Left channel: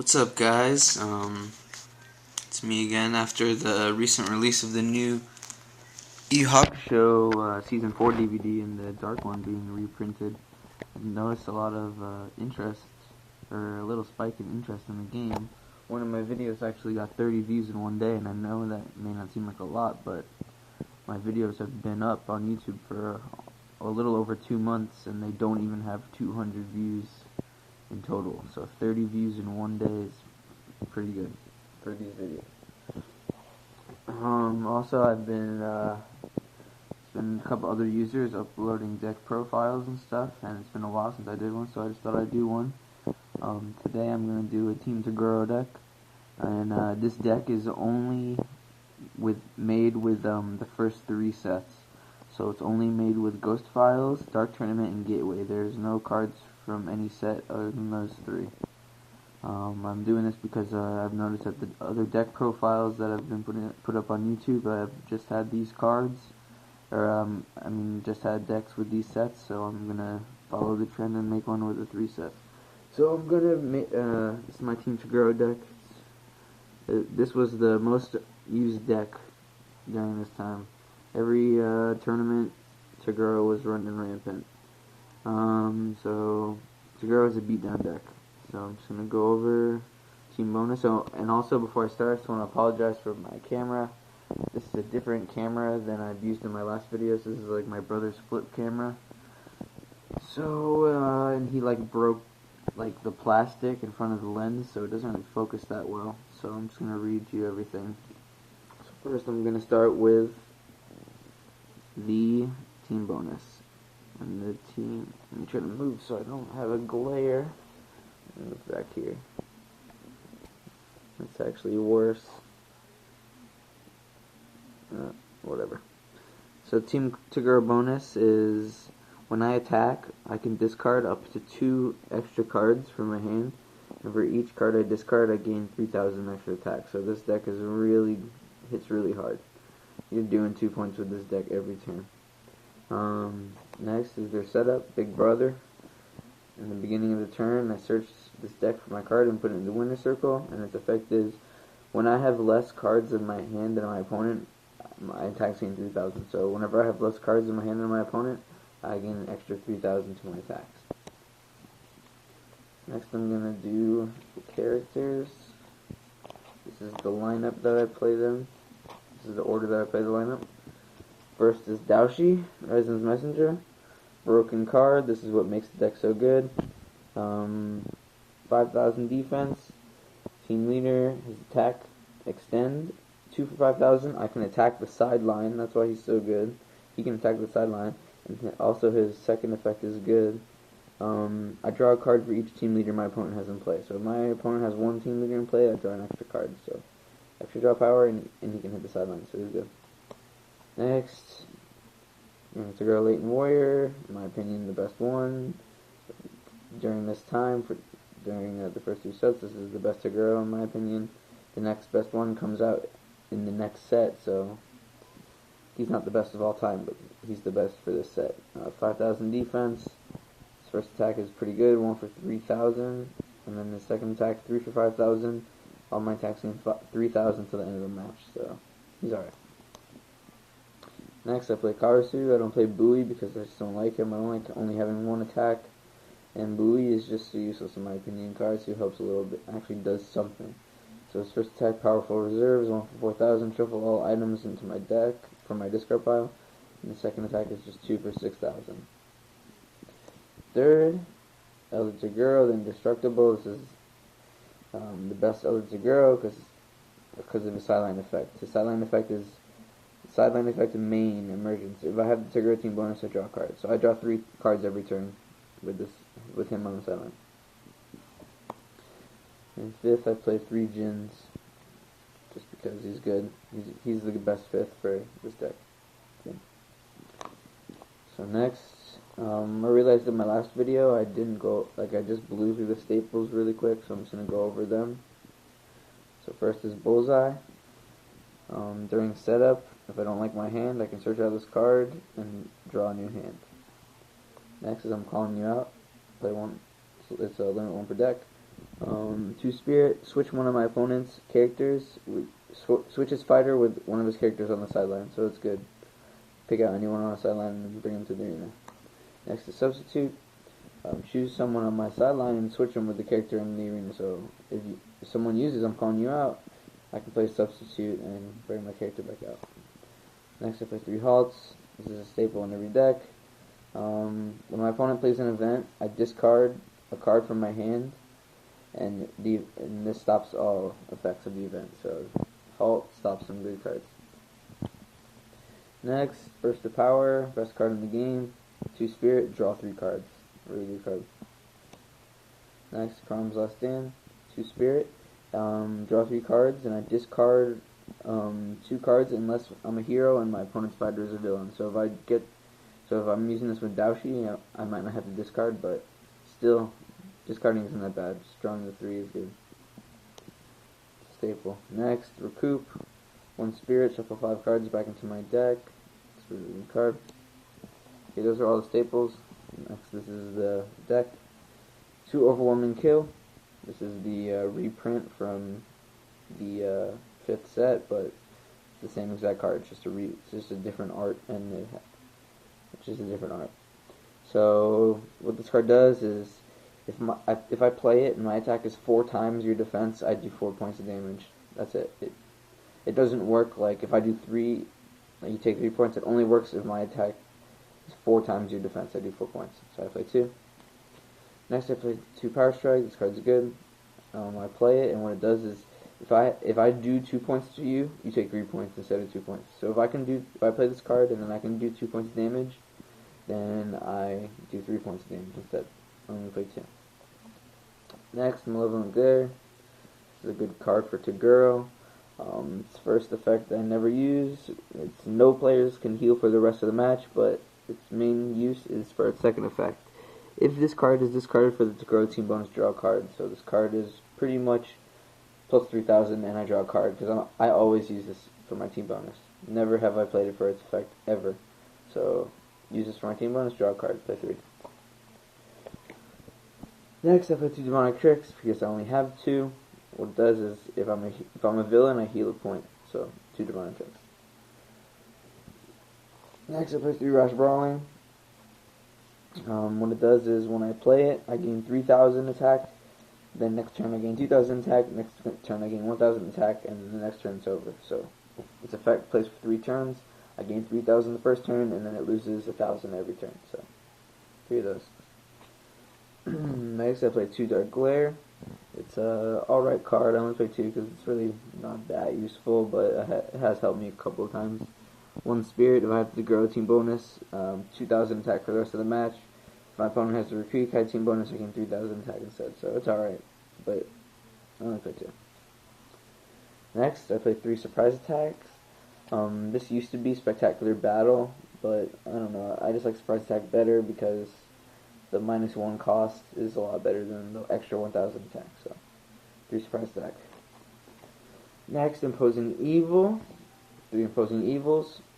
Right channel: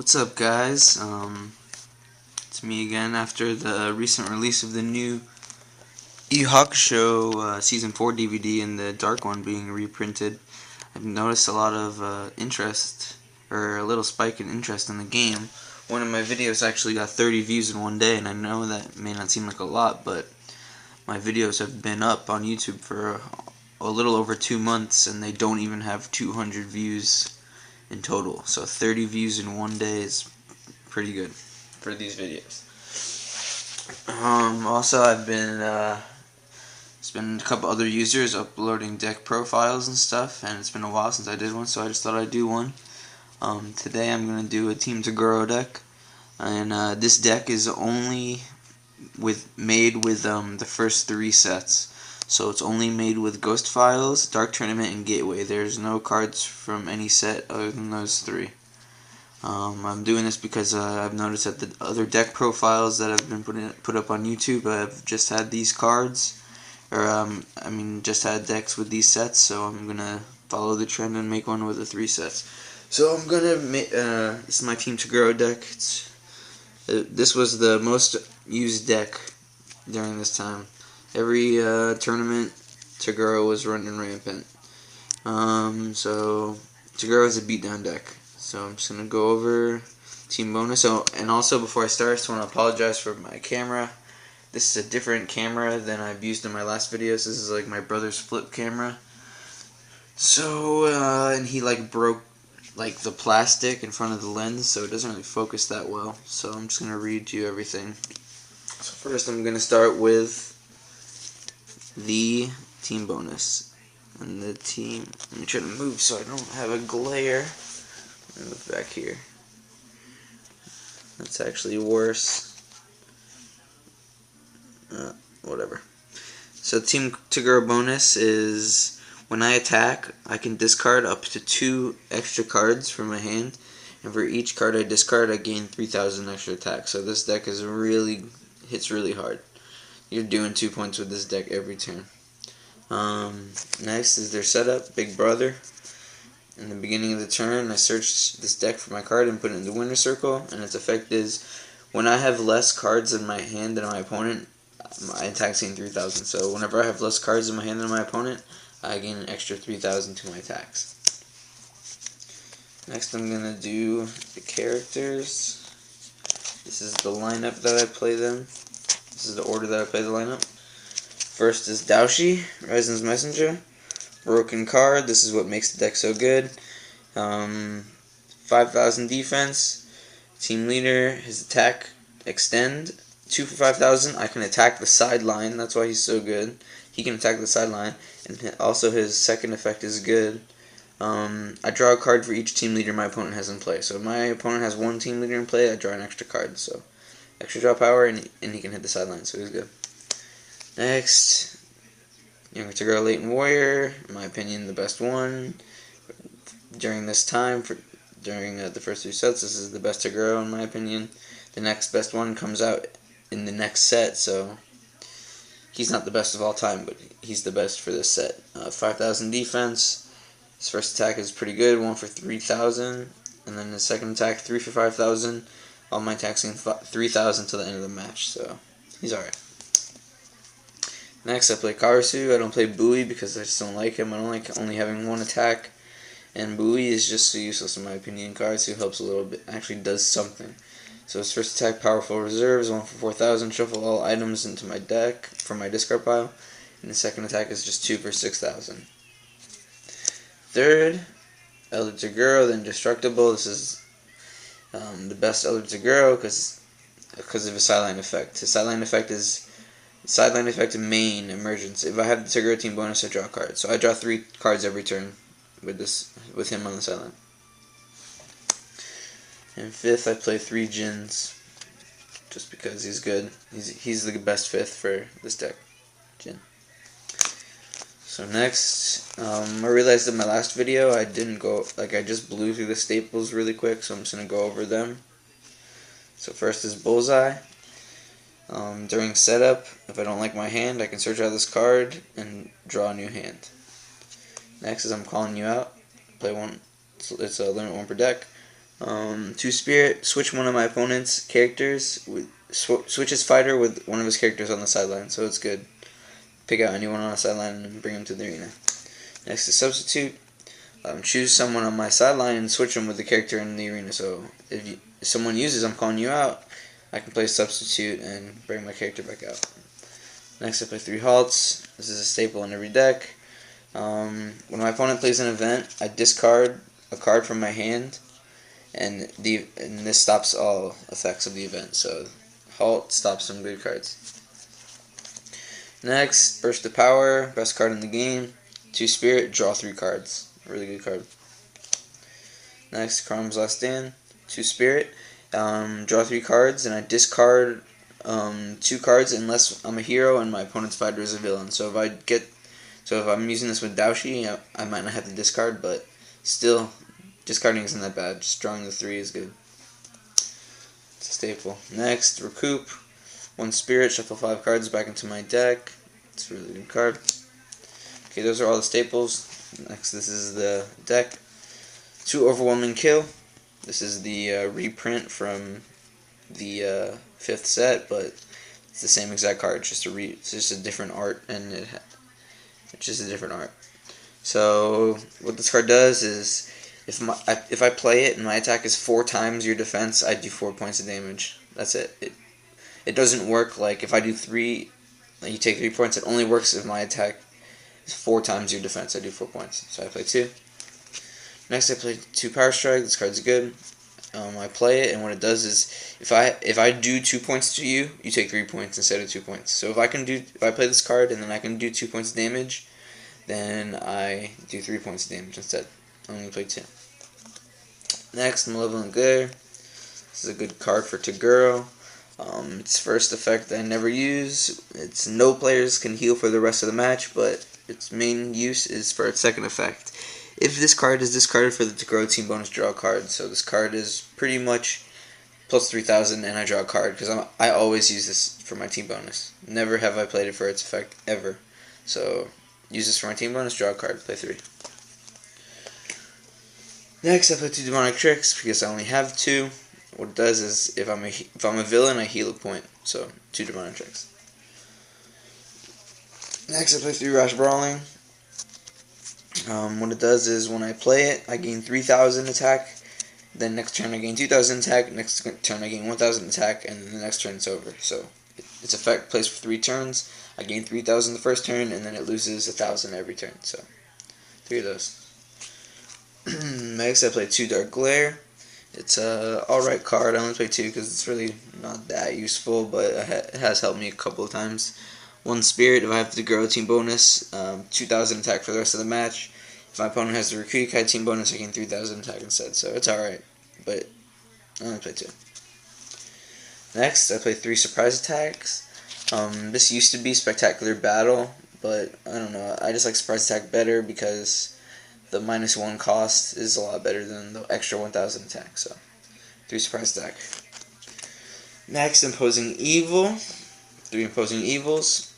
What's up, guys? It's me again after the recent release of the new Hakusho Season 4 DVD and the Dark one being reprinted. I've noticed a lot of interest, or a little spike in interest in the game. One of my videos actually got 30 views in one day, and I know that may not seem like a lot, but my videos have been up on YouTube for a little over 2 months, and they don't even have 200 views in total. So 30 views in one day is pretty good for these videos. Also, I've been it's been a couple other users uploading deck profiles and stuff, and it's been a while since I did one, so I just thought I'd do one. Today I'm gonna do a Team Toguro deck, and this deck is only made with the first 3 sets. So it's only made with Ghost Files, Dark Tournament, and Gateway. There's no cards from any set other than those 3. I'm doing this because I've noticed that the other deck profiles that have been put up on YouTube have just had these cards, or just had decks with these sets. So I'm gonna follow the trend and make one with the 3 sets. So I'm gonna make this is my Team Toguro deck. This was the most used deck during this time. Every tournament, Toguro was running rampant. So Toguro is a beatdown deck. So I'm just gonna go over team bonus. And also before I start, I just want to apologize for my camera. This is a different camera than I've used in my last videos. This is like my brother's flip camera. So and he broke the plastic in front of the lens, so it doesn't really focus that well. So I'm just gonna read you everything. So first, I'm gonna start with the team bonus. And the team, let me try to move so I don't have a glare. Move back here. That's actually worse. Whatever. So Team Toguro bonus is when I attack, I can discard up to 2 extra cards from my hand, and for each card I discard, I gain 3,000 extra attack. So this deck is hits really hard. You're doing 2 points with this deck every turn. Next is their setup, Big Brother. In the beginning of the turn, I search this deck for my card and put it in the winner circle, and its effect is when I have less cards in my hand than my opponent, my attack's gain 3,000. So whenever I have less cards in my hand than my opponent, I gain an extra 3,000 to my attacks. Next, I'm going to do the characters. This is the lineup that I play them. This is the order that I play the lineup. First is Daoshi, Risen's Messenger. Broken card, this is what makes the deck so good. 5,000 defense. Team leader, his attack extend. 2 for 5,000. I can attack the sideline, that's why he's so good. He can attack the sideline, and also his second effect is good. I draw a card for each team leader my opponent has in play. So if my opponent has 1 team leader in play, I draw an extra card. So extra draw power, and he can hit the sideline, so he's good. Next, Younger Toguro Latent Warrior, in my opinion, the best one. During this time, during the first 2 sets, this is the best Toguro, in my opinion. The next best one comes out in the next set, so he's not the best of all time, but he's the best for this set. 5,000 defense. His first attack is pretty good, 1 for 3,000. And then his second attack, 3 for 5,000. All my attacks gain 3,000 till the end of the match, so he's alright. Next, I play Karasu. I don't play Bowie because I just don't like him. I don't like only having 1 attack. And Bowie is just so useless in my opinion. Karasu helps a little bit, actually does something. So his first attack, Powerful Reserves, 1 for 4,000. Shuffle all items into my deck from my discard pile. And the second attack is just 2 for 6,000. Third, Elder Toguro, the Indestructible. This is the best Elder Toguro because of his sideline effect. His sideline effect is sideline effect main emergence. If I have the Toguro team bonus, I draw a card. So I draw 3 cards every turn with him on the sideline. And fifth, I play 3 Jins, just because he's good. He's the best 5th for this deck, Jin. So next, I realized in my last video I didn't go, I just blew through the staples really quick, so I'm just going to go over them. So first is Bullseye. During setup, if I don't like my hand, I can search out this card and draw a new hand. Next is I'm calling you out. Play 1. It's a limit 1 per deck. 2 spirit, switch one of my opponent's characters, switch his fighter with one of his characters on the sideline, so it's good. Pick out anyone on the sideline and bring him to the arena. Next is substitute. Choose someone on my sideline and switch them with the character in the arena. So if someone uses I'm calling you out, I can play substitute and bring my character back out. Next I play 3 halts. This is a staple in every deck. When my opponent plays an event, I discard a card from my hand, and this stops all effects of the event. So halt stops some good cards. Next, Burst of Power, best card in the game. 2 spirit, draw 3 cards. Really good card. Next, Crom's Last Stand. 2 spirit, draw 3 cards, and I discard 2 cards unless I'm a hero and my opponent's fighter is a villain. So if I'm using this with Daoshi, I might not have to discard, but still, discarding isn't that bad. Just drawing the 3 is good. It's a staple. Next, Recoup. 1 spirit, shuffle 5 cards back into my deck. It's a really good card. Okay, those are all the staples. Next, this is the deck. 2 Overwhelming Kill. This is the reprint from the 5th set, but it's the same exact card. It's just a different art, and it's just a different art. So what this card does is, if I play it and my attack is 4 times your defense, I do 4 points of damage. That's it. It doesn't work like if I do 3, you take 3 points. It only works if my attack is 4 times your defense. I do 4 points. So I play 2. Next I play 2 Power Strike. This card's good. I play it, and what it does is, if I do 2 points to you, you take 3 points instead of 2 points. So if I play this card and then I can do 2 points of damage, then I do 3 points of damage instead. I'm going to play 2. Next, Malevolent Glare. This is a good card for Toguro. Its first effect I never use. It's no players can heal for the rest of the match, but its main use is for its second effect. If this card is discarded for the Toguro team bonus, draw a card. So this card is pretty much plus 3,000 and I draw a card, because I always use this for my team bonus. Never have I played it for its effect, ever. So use this for my team bonus, draw a card, play 3. Next I play 2 Demonic Tricks, because I only have 2. What it does is, if I'm a villain, I heal a point. So 2 Demonic Tricks. Next I play 3 Rash Brawling. What it does is, when I play it, I gain 3,000 attack. Then next turn I gain 2,000 attack. Next turn I gain 1,000 attack, and then the next turn it's over. So its effect plays for 3 turns. I gain 3,000 the first turn, and then it loses 1,000 every turn. So 3 of those. Next I play 2 Dark Glare. It's a alright card. I only play 2 because it's really not that useful, but it has helped me a couple of times. 1 Spirit, if I have the Toguro team bonus, 2,000 attack for the rest of the match. If my opponent has the Rikuikai team bonus, I gain 3,000 attack instead, so it's alright, but I only play 2. Next, I play 3 Surprise Attacks. This used to be Spectacular Battle, but I don't know, I just like Surprise Attack better because the -1 cost is a lot better than the extra 1,000 attack, so 3 Surprise Attack. Next, Imposing Evil. 3 Imposing Evils.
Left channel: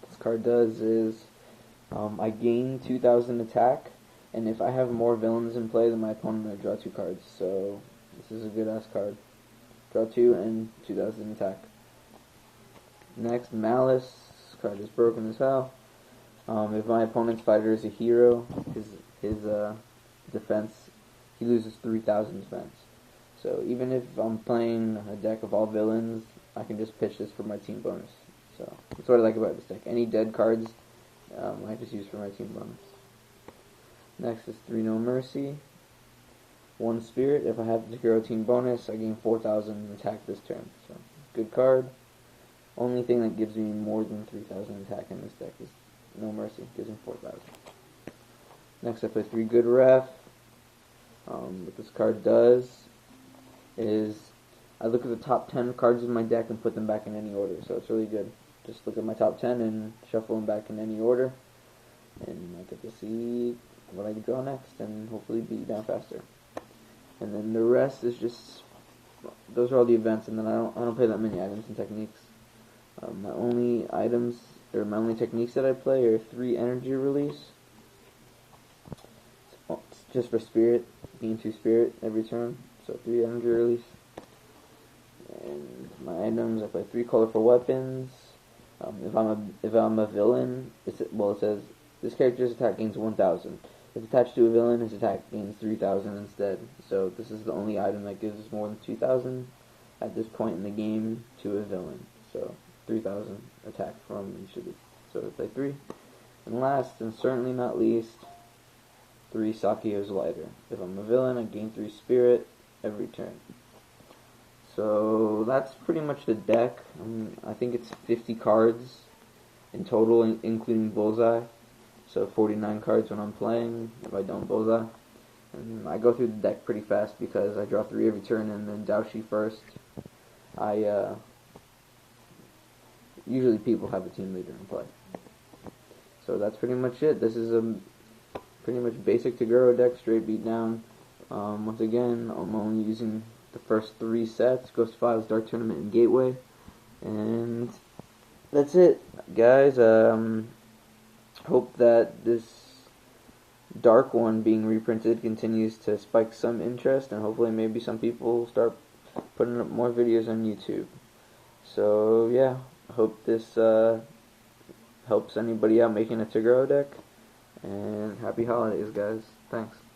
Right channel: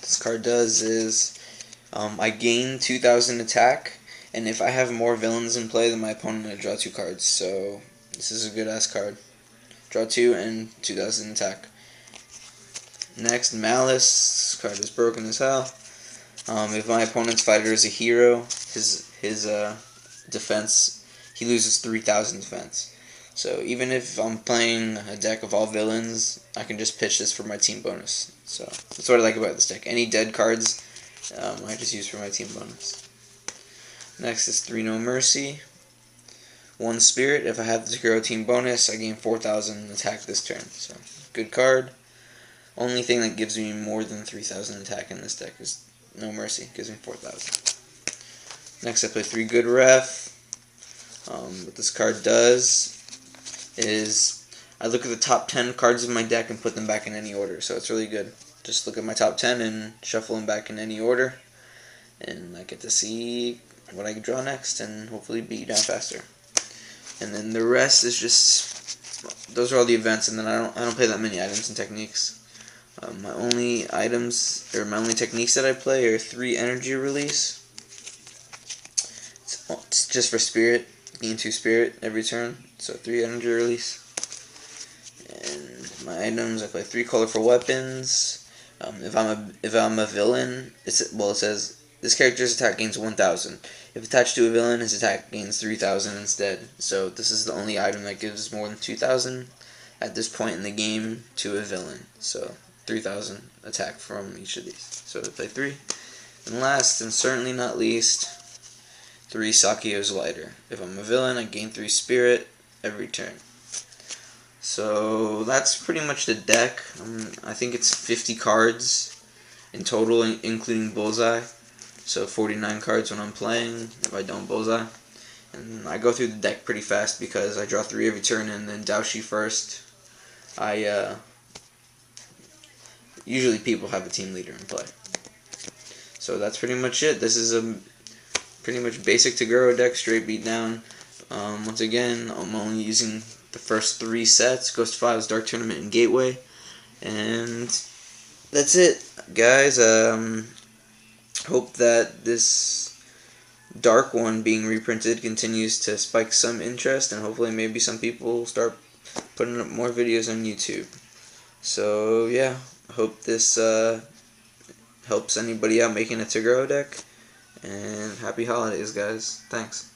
This card does is, I gain 2,000 attack, and if I have more villains in play than my opponent, I draw 2 cards. So this is a good ass card. Draw 2 and 2,000 attack. Next, Malice. This card is broken as hell. If my opponent's fighter is a hero, his defense, he loses 3,000 defense. So even if I'm playing a deck of all villains, I can just pitch this for my team bonus. So that's what I like about this deck. Any dead cards, I just use for my team bonus. Next is 3 No Mercy. 1 Spirit. If I have the Toguro team bonus, I gain 4,000 attack this turn. So good card. Only thing that gives me more than 3,000 attack in this deck is No Mercy. Gives me 4,000. Next I play 3 Good Ref. What this card does is, I look at the top 10 cards of my deck and put them back in any order, so it's really good. Just look at my top 10 and shuffle them back in any order, and I get to see what I can draw next and hopefully beat you down faster. And then the rest is just, those are all the events, and then I don't play that many items and techniques. My only techniques that I play are 3 Energy Release. It's just for Spirit. gain 2 spirit every turn, so 3 energy release. And my items, I play 3 colorful weapons. If I'm a villain, it says this character's attack gains 1,000. If attached to a villain, his attack gains 3,000 instead. So this is the only item that gives more than 2,000 at this point in the game to a villain. So 3,000 attack from each of these. So I play 3. And last, and certainly not least, 3 Sakio's Lighter. If I'm a villain, I gain 3 spirit every turn. So that's pretty much the deck. I think it's 50 cards in total, including Bullseye. So 49 cards when I'm playing, if I don't Bullseye. And I go through the deck pretty fast because I draw 3 every turn and then Daoshi first. Usually people have a team leader in play. So that's pretty much it. This is a pretty much basic Toguro deck, straight beat down. Once again, I'm only using the first 3 sets, Ghost Files, Dark Tournament, and Gateway. And that's it, guys. Hope that this dark one being reprinted continues to spike some interest, and hopefully maybe some people start putting up more videos on YouTube. So yeah, I hope this helps anybody out making a Toguro deck, and happy holidays, guys. Thanks.